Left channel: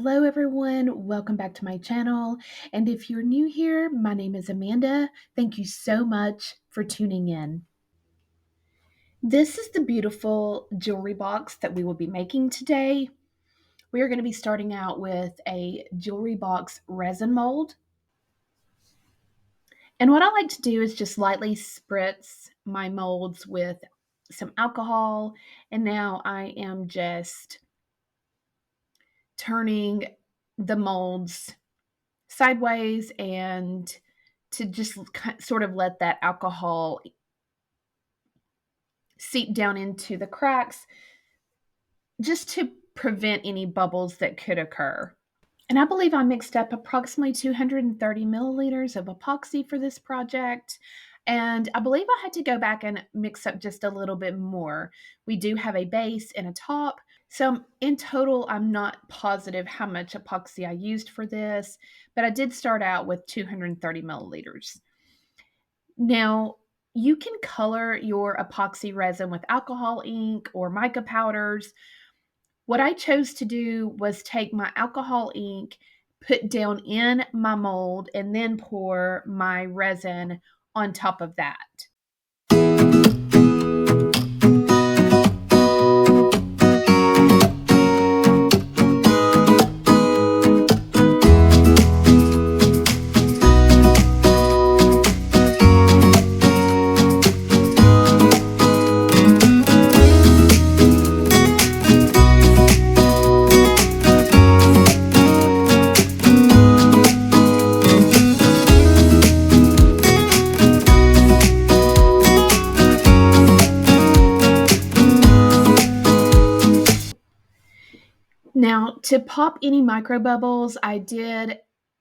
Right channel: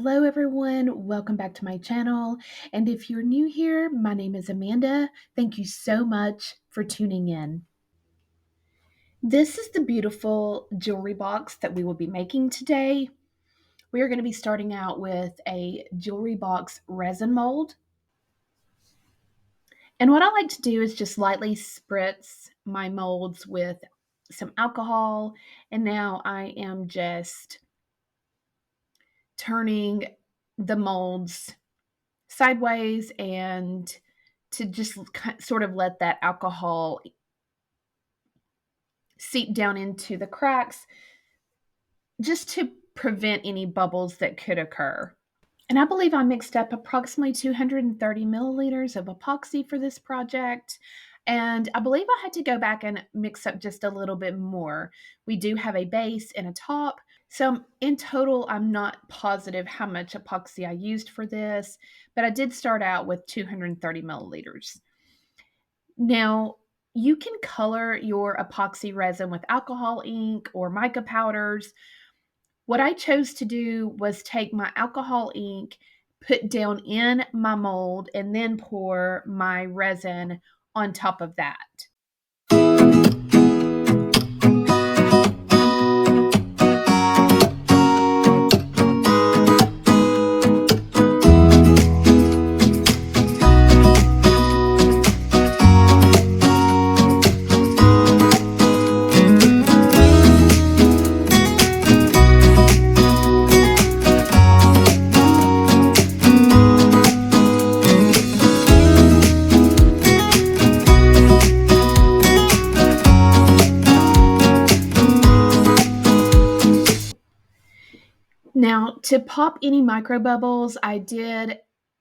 Hello, everyone. Welcome back to my channel. And if you're new here, my name is Amanda. Thank you so much for tuning in. This is the beautiful jewelry box that we will be making today. We are going to be starting out with a jewelry box resin mold. And what I like to do is just lightly spritz my molds with some alcohol. And now I am just turning the molds sideways and to just sort of let that alcohol seep down into the cracks just to prevent any bubbles that could occur. And I believe I mixed up approximately 230 milliliters of epoxy for this project. And I believe I had to go back and mix up just a little bit more. We do have a base and a top. So in total, I'm not positive how much epoxy I used for this, but I did start out with 230 milliliters. Now, you can color your epoxy resin with alcohol ink or mica powders. What I chose to do was take my alcohol ink, put down in my mold, and then pour my resin on top of that. Now, to pop any micro bubbles, I did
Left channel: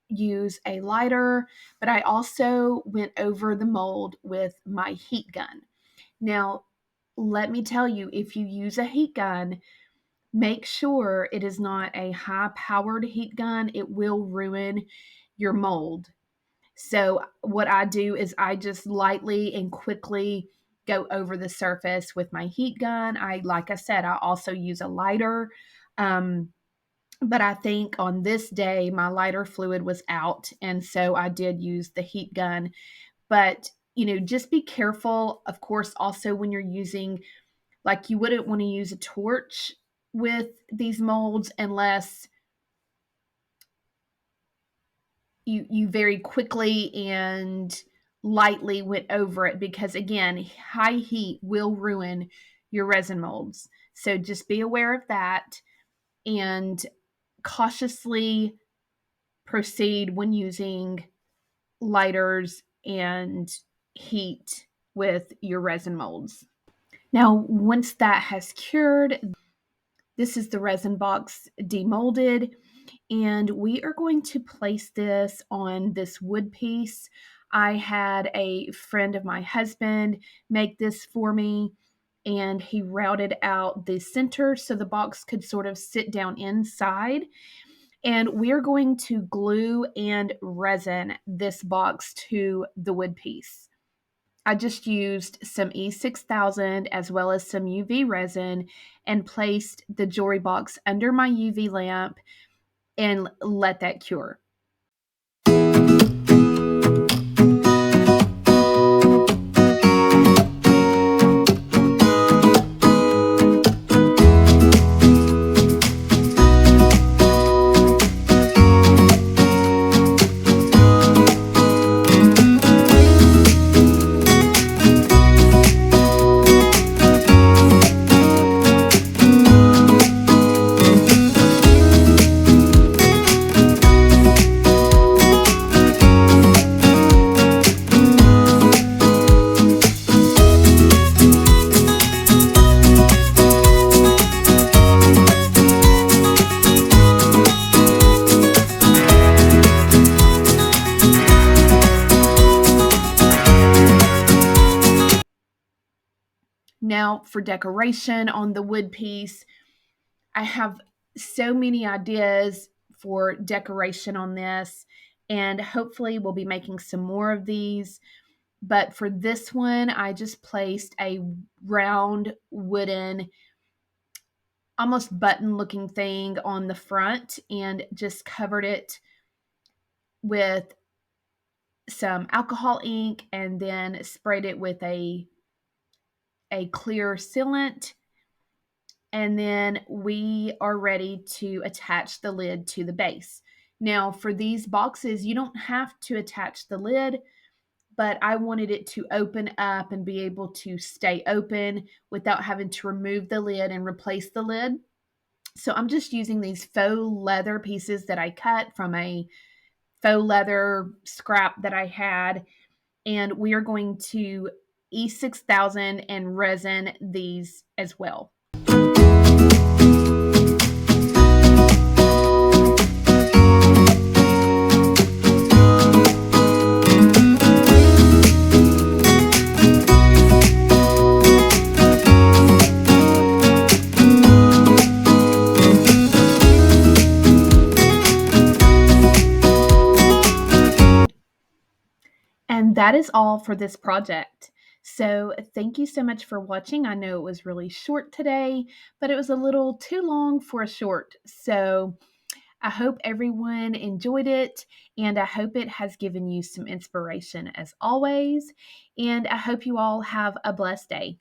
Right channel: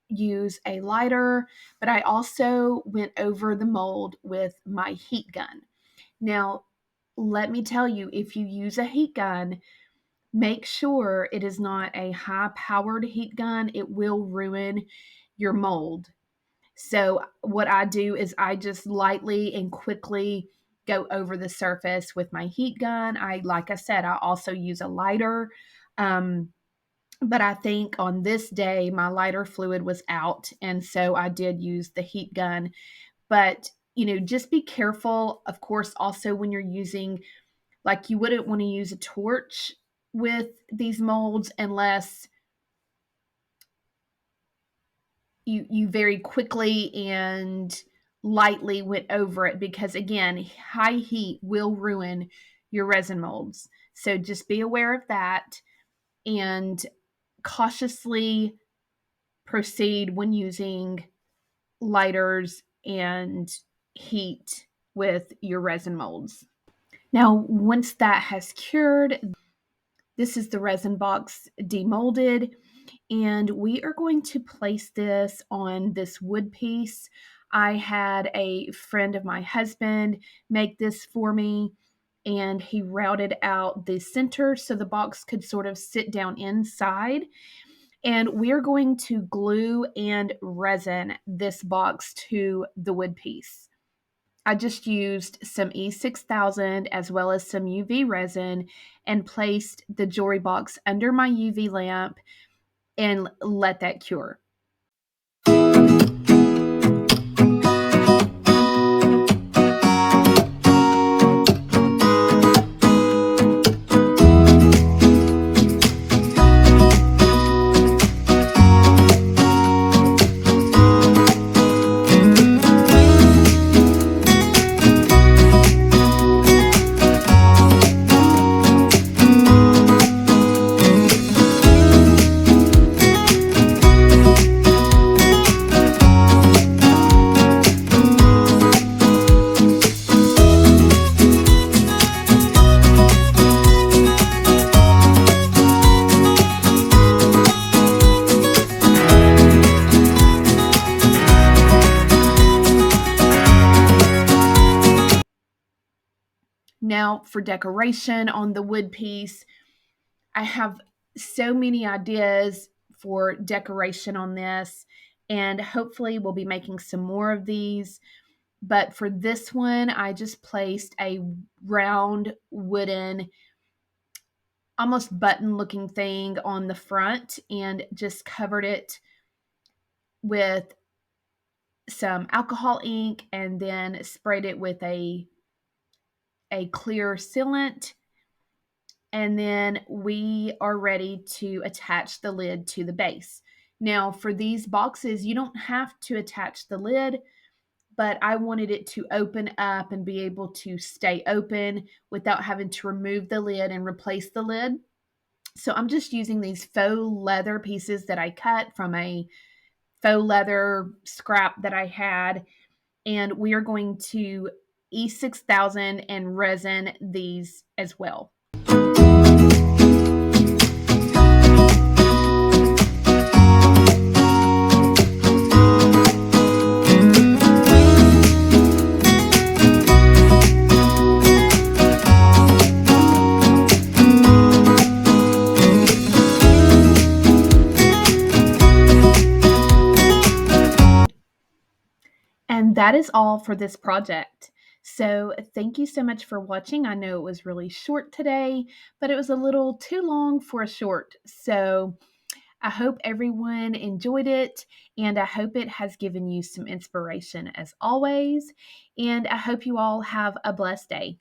use a lighter, but I also went over the mold with my heat gun. Now, let me tell you, if you use a heat gun, make sure it is not a high powered heat gun. It will ruin your mold. So, what I do is I just lightly and quickly go over the surface with my heat gun. Like I said, I also use a lighter. Um, but I think on this day, my lighter fluid was out. And so I did use the heat gun. But, just be careful, of course, also when you're using, like, you wouldn't want to use a torch with these molds unless you very quickly and lightly went over it, because again, high heat will ruin your resin molds. So just be aware of that and cautiously proceed when using lighters and heat with your resin molds. Now, once that has cured, this is the resin box demolded, and we are going to place this on this wood piece. I had a friend of my husband make this for me, and he routed out the center so the box could sort of sit down inside. And we're going to glue and resin this box to the wood piece. I just used some E6000 as well as some UV resin and placed the jewelry box under my UV lamp and let that cure. Now, for decoration on the wood piece, I have so many ideas for decoration on this, and hopefully we'll be making some more of these. But for this one, I just placed a round wooden almost button looking thing on the front and just covered it with some alcohol ink and then sprayed it with a clear sealant. And then we are ready to attach the lid to the base. Now, for these boxes, you don't have to attach the lid, but I wanted it to open up and be able to stay open without having to remove the lid and replace the lid. So I'm just using these faux leather pieces that I cut from a faux leather scrap that I had, and we are going to E6000 and resin these as well. And that is all for this project. So, thank you so much for watching. I know it was really short today, but it was a little too long for a short. So, I hope everyone enjoyed it, and I hope it has given you some inspiration as always. And I hope you all have a blessed day.